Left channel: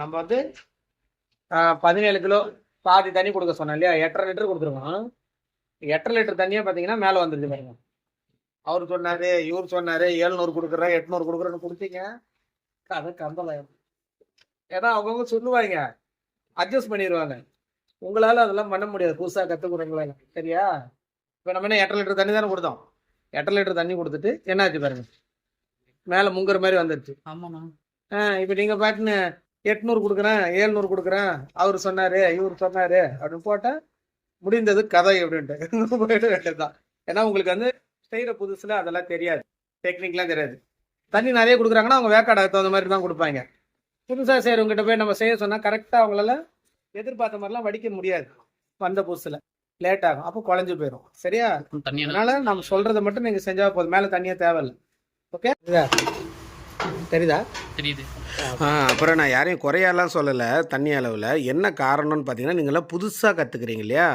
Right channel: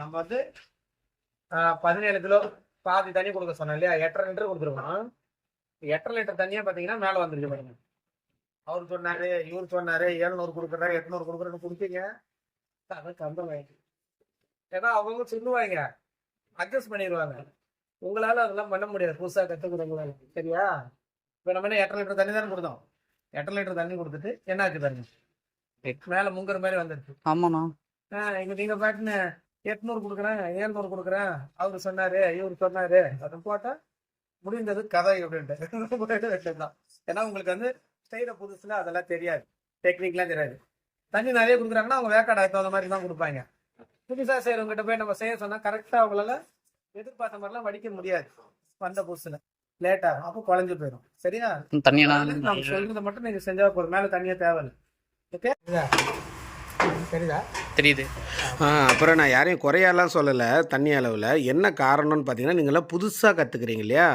நம்ம வந்து பதினேழு கிலோ பாதி தண்ணி கொடுக்க சொன்னேன் இல்லையா? எட்டரை லிட்டர் கொடுத்துருக்கோம். எட்டரை லிட்டர் தண்ணியே பார்த்தீங்கன்னா மேலே வந்துருச்சு பாருங்க. அவர் சொன்னாரு இவர் சொன்னாரு எழுநூறு கொடுக்குறேன் எட்நூறு கொடுக்குறேன்னு கொடுத்தீங்க. கதை கம்பலாயிடும் ஏன்னா அவங்கவுங்க சொல்லுவாங்க அட்ஜஸ்ட் பண்ணிடுவாங்க உங்களால அதெல்லாம் பண்ண முடியாது. புதுசாக கற்றுக்குறவங்களால சரியா? இப்போ நம்ம என்ன எட்டரை லிட்டர் தண்ணி தானே கொடுத்தோம்? எட்டரை லிட்டர் தண்ணி கொடுத்துட்டு என்னாச்சு பாருங்க. மேலே முங்குற மாதிரி வந்துருச்சு. ஆமாண்ணா. இப்போ நீங்கள் பாட்டுன்னு எட்நூறு கொடுக்குறேன் ஏழ்நூறு கொடுக்குறேன். அவர் சொன்னாரு இவர் சொன்னாரு அப்படின்னு போட்டால் முடிந்தது கதை அப்படின்ட்டு. போயிட வேண்டியதுதான். ஏன்னா உங்களுக்கு வந்து செய்கிற புதுசில் அதெல்லாம் தெரியாது. டெக்னிக்லாம் தெரியாது. தண்ணி நிறைய கொடுக்குறாங்கன்னா அவங்க வேக்காடை தகுந்த மாதிரி தான் கொடுப்பாங்க. புதுசாக செய்கிறவங்ககிட்ட போய் நம்ம செய்ய சொன்னால் கரெக்டாக அவங்களால எதிர்பார்த்த மாதிரிலாம் வடிக்க முடியாது. வந்த புதுசில். லேட் ஆகும். அப்போ குழஞ்சு போயிடும் சரியா? தண்ணி அதனால நம்ம சொல்றதை மட்டும் நீங்க செஞ்சா போதும். மேல தண்ணியே தேவையில்லை. ஓகே தெரியுதா தெரியுது. அப்புறம் நான் யாரையும் குறையாலாம் சொல்லலை. தண்ணி அளவில். என்ன காரணம்னு பார்த்தீங்கன்னா நீங்களாம் புதுசாக கற்றுக்குறீங்க இல்லையா?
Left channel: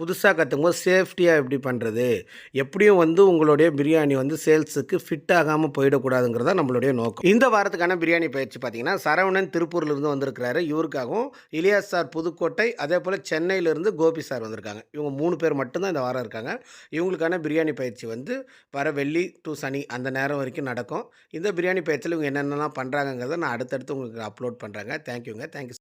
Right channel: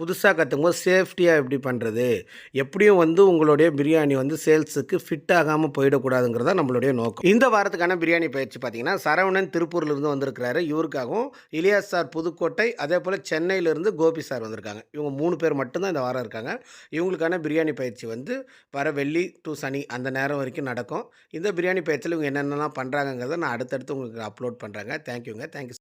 புதுசாக கற்றுக்கும் போது சேஃப்டியாக எப்படி பண்ணுறது எப்படியும் வந்து உங்களுடைய பிரியாணி வந்து சேல்ஸுக்கு ஃபிட் ஆகாமல் போயிடக்கூடாதுங்கிறதா நம்மளுடைய நோக்கம். இந்த வாரத்துக்கான பிரியாணி பயிற்சி பார்த்தீங்கன்னா சரவணன் திருப்பூர்லேருந்து வந்திருக்கிறாரு. இவருக்காகவும் இலியாஸ் சார் புதுக்கோட்டை அதே போல் சென்னையிலேருந்து கோபி சார் வந்திருக்காங்க. இவங்க மூணு பேர் மட்டும்தான் இந்த வாரம் இருக்காங்க. இவங்களுக்கான பிரியாணி பயிற்சி வந்து வர வெள்ளி டு சனி அந்த நேரம் வரைக்கும் நடக்கும். இந்த பிரியாணி பயிற்சியில் இவங்க என்னென்னலாம் பண்ணுறாங்க பண்ணுறாங்கங்கிறத நான் அடுத்தடுத்து உங்களுக்கு அப்லோட் பண்ணுறேங்க தேங்க்யூங்க தேங்க்யூ